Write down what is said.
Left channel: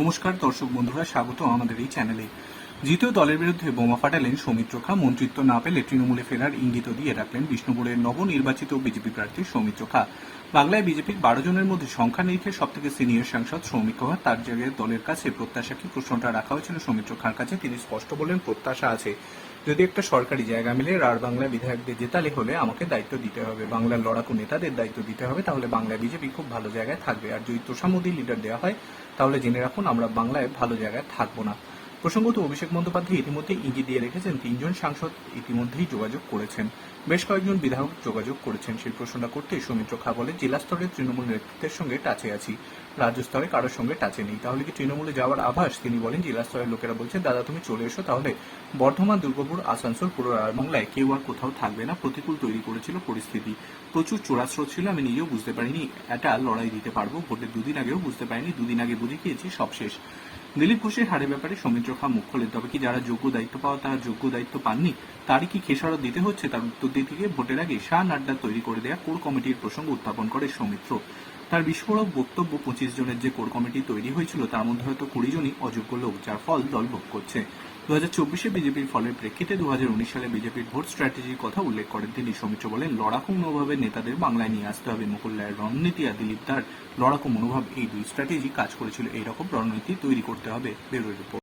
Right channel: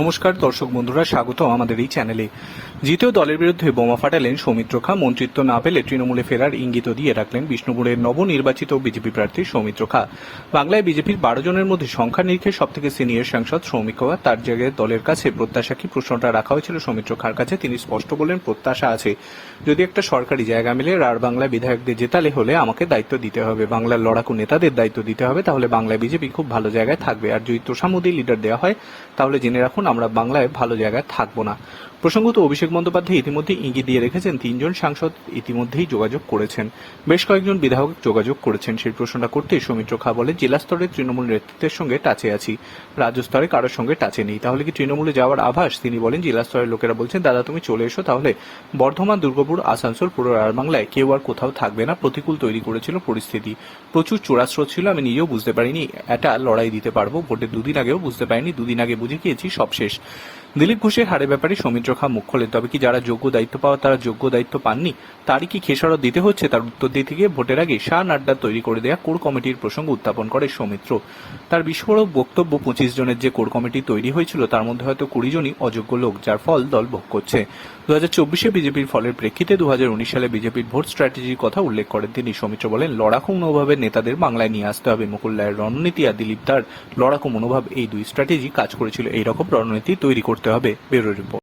নমস্কার, দর্শক বন্ধুরা স্বাগত আমাদের এই চ্যানেলে। দ্বিতীয় দলের বিরুদ্ধে বোমা ফাটালেন সৌমিত্র খা মন্ত্রিত্ব না পেলে তৃণমূলে ফেরার ইঙ্গিত দিয়ে রাখলেন বিষ্ণুপুরের নবনির্বাচিত বিজেপি প্রার্থী সৌমিত্র খা বাংলায় বিজেপির বারো জনের মধ্যে সংখ্যা নিরিখে সব থেকে সিনিয়র সাংসদ সৌমিক খা তার জায়গায় দলের কাছে প্রত্যাশা কি? প্রশ্নটা রাখা হয়েছিল সৌমিত্র খার কাছে, তিনি স্পষ্ট বলেন প্রত্যাশা আছে। যদি একটা সরকারি জায়গা মিলে আর বাংলায় বিধায়কদের জেতালে হলে আমাকে দায়িত্ব দিতে হবে। বাংলার লড়াকু নেতাদের দায়িত্ব দিতে হবে, তাহলে বাংলায় বিজেপি খুব ভালো জায়গায় থাকবে। আর যদি তোষামুদি লিডার দেওয়া হয়, তাহলে জেনে রাখুন আমরা বাংলায় ভালো জায়গায় থাকব না। প্রসঙ্গত অভিষেক বন্দ্যোপাধ্যায় ইতিমধ্যে ইঙ্গিত দিয়ে রেখেছেন, তিনজন সাংসদ ইতিমধ্যেই যোগাযোগ করেছেন। বেশ কয়েকজন বিধায়ক যোগাযোগ করেছেন সেই প্রশ্নটা করতে। সৌমিত্র খা বলে, জেলা স্তরে তৃণমূল নেতৃত্বের সঙ্গে টাচে আছি। রাজ্য স্তরে কারোর সঙ্গে টাচে নেই। তাহলে কি তৃণমূলে যাওয়ার আভাস? তিনি বলেন, জেলা স্তরের লোকেরা বলছেন, দাদা, তুমি চলে এসো তাহলে। বর্ধমান, দুর্গাপুর, আসানসোল, পুরো বাংলায় কেউ আর কোথাও থাকবে না। প্রতিকূল তৈরি করেছিল পরিস্থিতি। প্রচুর চোরাস্রোত ছিল, আমি নিজেও বুঝতে পারিনি। এটা লড়াই দিতে পারব। ভোটের দুদিন আগেও বুঝতে পারিনি। দুদিন আগে বুঝে গিয়েছি, সব শেষ। দিলীপ ঘোষের হারের ব্যাপারে সৌমিত্র খা মুখ খোলেন। তবে কি যারা যোগ্য দায়িত্ব পাওয়া তারা যোগ্য দায়িত্ব পাননি, তারই কি খেসারত দিতে হচ্ছে? তার উত্তর দিতে গিয়ে ভোটের আগে শাহ নাড্ডা তৈরি করে দেওয়া কোর কমিটির প্রসঙ্গ উত্থাপন করে সৌমিত্র। তার বিস্ফোরক বক্তব্য পঁচিশ জনের যে কোর কমিটি তৈরি হয়েছিল, তার মধ্যে হয়তো কুড়ি জনই অযোগ্য লোক, যার ফল দল ভোগ করছে। দু হাজার চব্বিশে বিজেপির ফলের প্রেক্ষিতে দু হাজার উনিশ সালে বিজেপির ভোট স্ট্র্যাটেজির কথা উল্লেখ করেন তিনি। সৌমিত্র বলেন, লড়াকু মনোভাবের নেতাদের বাংলায় নিয়ে আসতে হবে। মুকুল রায়ের রণনীতি আর দিলীপ তার লড়াকু মনোভাব এই দুই স্ট্র্যাটেজি কাজ করেছিল। এই রকম রণনীতি তৈরি করতে হবে ব্যুরো রিপোর্ট।